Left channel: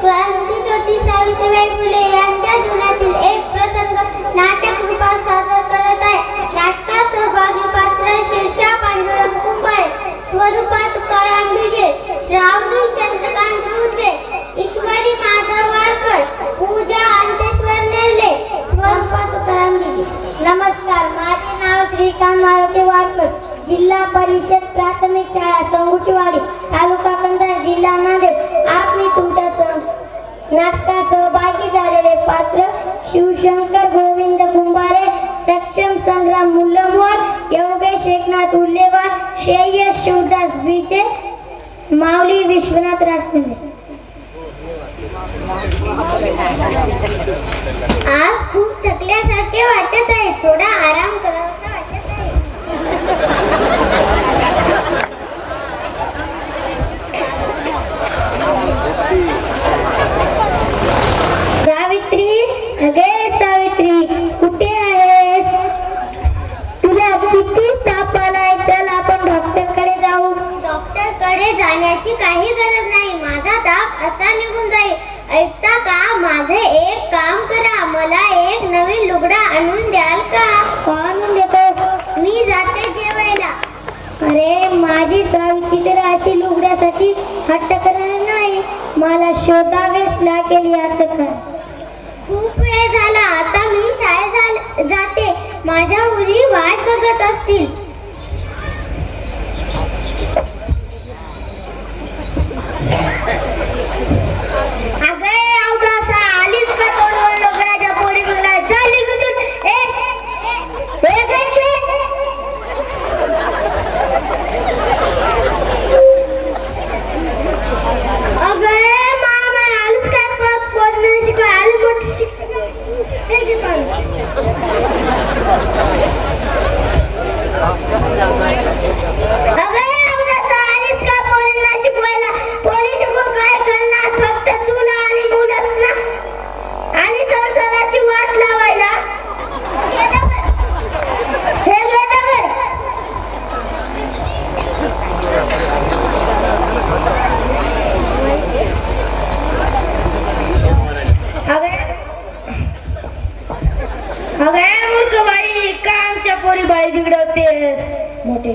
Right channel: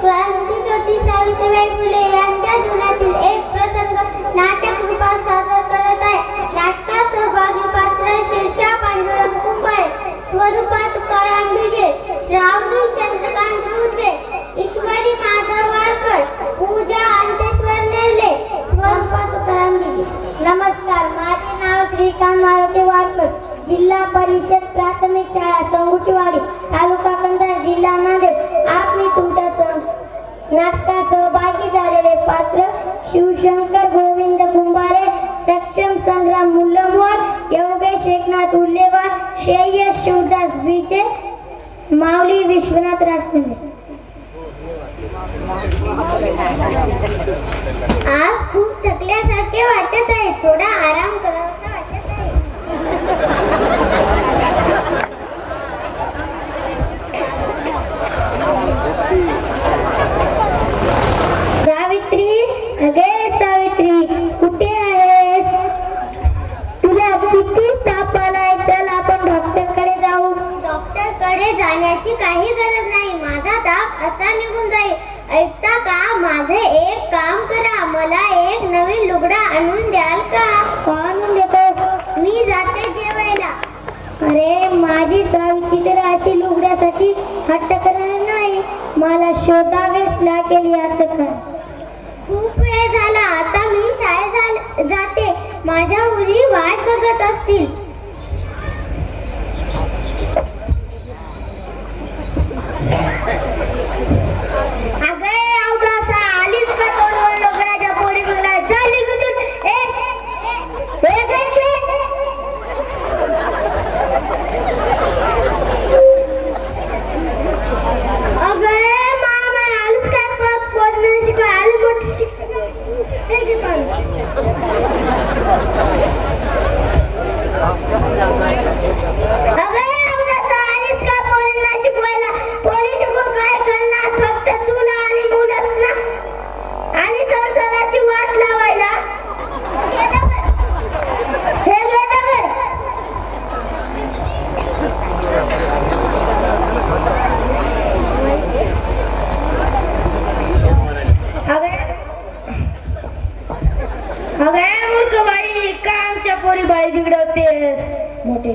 क्रांतीज्योती सावित्रीबाई फुले यांच्या जीवनातील एक प्रसंग नाटक रूपात सादर करत आहे. नाटकात सहभागी पात्र शीर्षा पांडुरंग कुंभारे, स्वरूपात तुकाराम भिजे, श्रावणी चंद्रकांत रुंजे, ईश्वरी माधव वाडकर, पूजा अंतेश्वर नेले, स्वरूपात तुकाराम भिजे. नमस्कार, माझे नाव श्रीकांत मारुती वाडकर, जिल्हा परिषद प्राथमिक शाळा संगुचीवाडी, तालुका कंधार, जिल्हा नांदेड. आज मी तुमच्या नाटकात सहभागी झालेले पात्र शिवशंकर गोविंद कुंभारे, सक्षम संग्राम मुल्लमोर, योगेश एकनाथ उल्लेवार, श्रेयस शिवदास विजय, माऊली विश्वनाथ राजपिंडे. आज खूप थकल्यासारखे वाटत आहे, थोडा आराम करावा वाटत आहे. सावित्री, अगे सावित्री, कुठे आहेस? तुला किती ताप आलाय? चल आपण डॉक्टरकडे जाऊ. डॉक्टरकडे जाण्याची काही गरज नाही, माझा ताप असा निघून जाईल. ऐकता का? माझे एक काम करा, मला एक नवीन लुगडा आणून द्याल का? आणून देतो, मी जाते जेवायला. अरे माझी सावित्री तर अशी लुगड्यासाठी हट्ट करणार नाही, मला शोधावेच लागेल याचं काय. खूप वेळ झाला, आता मी शाळेत जाते, माझ्या मुली वाट बघत असतील.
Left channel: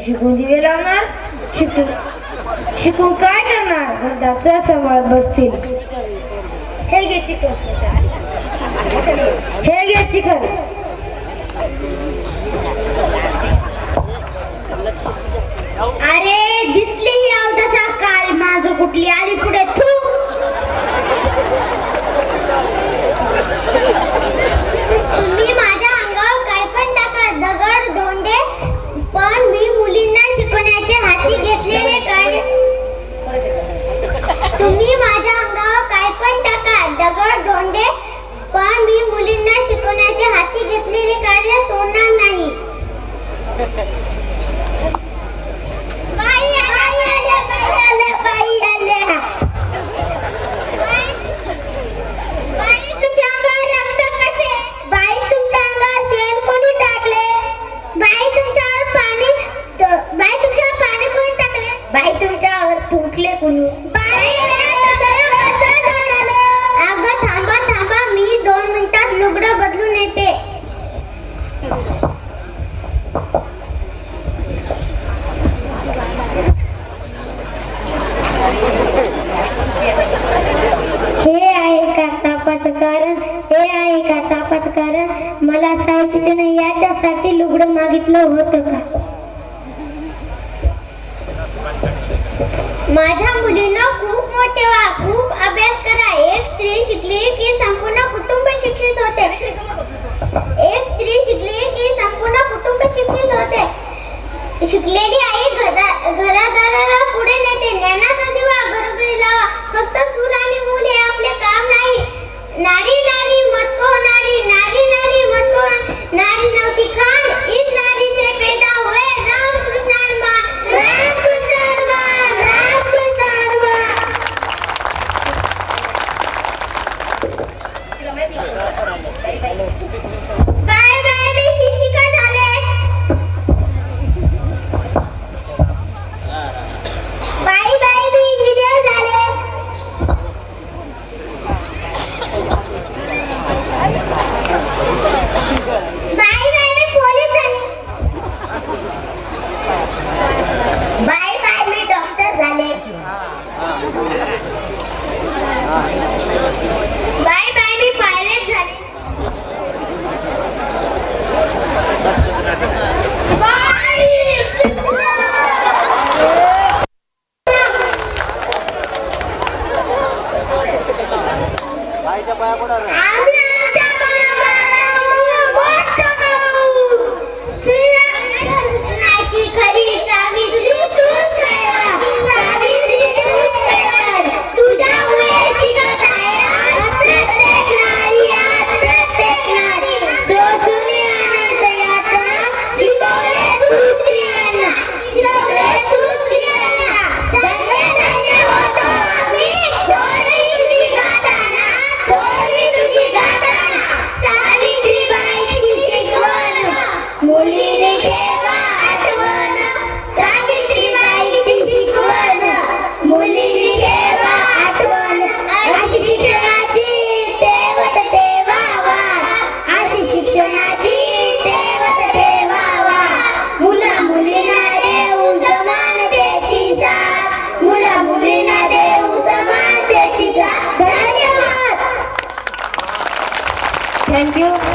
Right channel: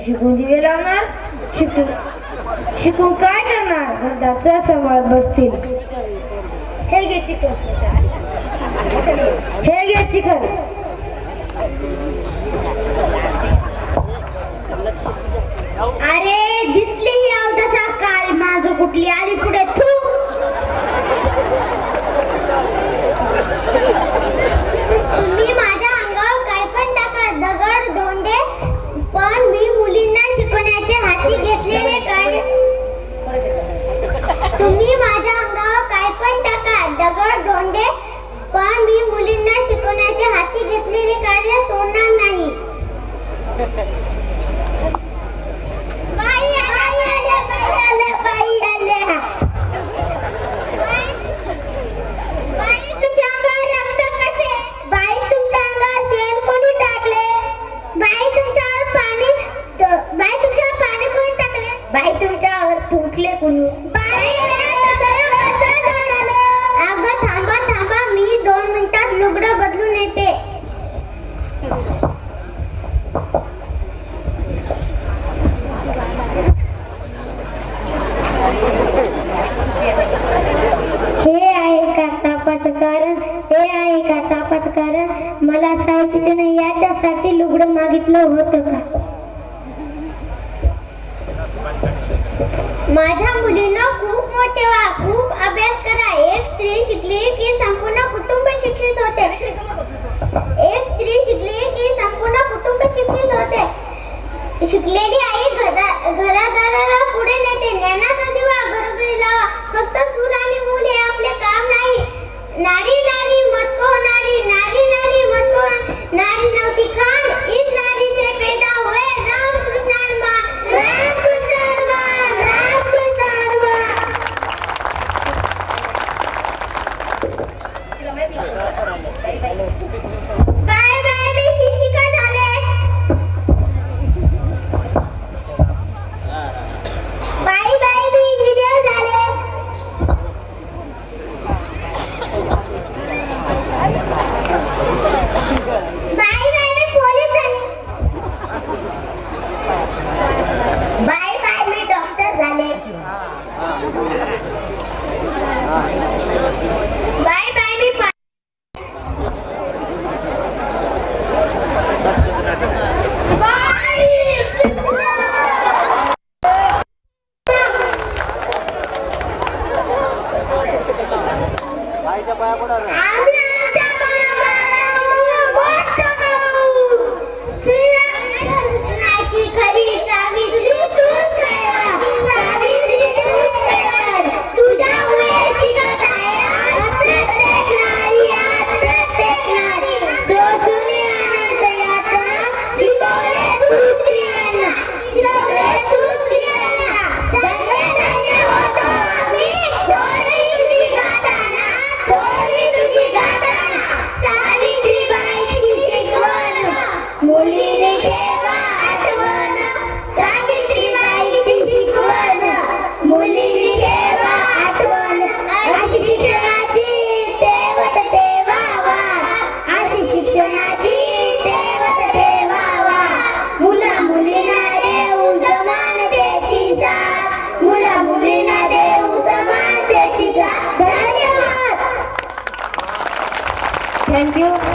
शिकून दिवे लावणार, शिकून काय करणार? घरदारचा सांभाळत बसतील. हे घे चिकन, हे घे चिकन. अरे दिसली ही अवदसा काळी मांजर कुठली आली पुढे. थू, तुम्ही माझ्या अंगावर काय पण टाका, दगड धोंडे, पण मी मुलींना शिकवण्याचे हाती घेतलेले कार्य. तुम्ही माझ्या अंगावर काय पण टाका, दगड धोंडे, पण मी मुलींना शिकवण्याचे हाती घेतलेले कार्य सोडणार नाही. बाई आल्या, बाई आल्या. बाई तुमच्या अंगावर रक्त कसे? बाई तुमच्या अंगावर शेण कोणी टाकले? बाई तुमच्यावर पाणी कोणी टाकले? बाई तुमच्यावर थुंकले कोणी? बाई अगं थांबा थांबा, मी 2 मिनिटात लुगडं बदलून येते. आईच्या पाया पडा रे. आम्ही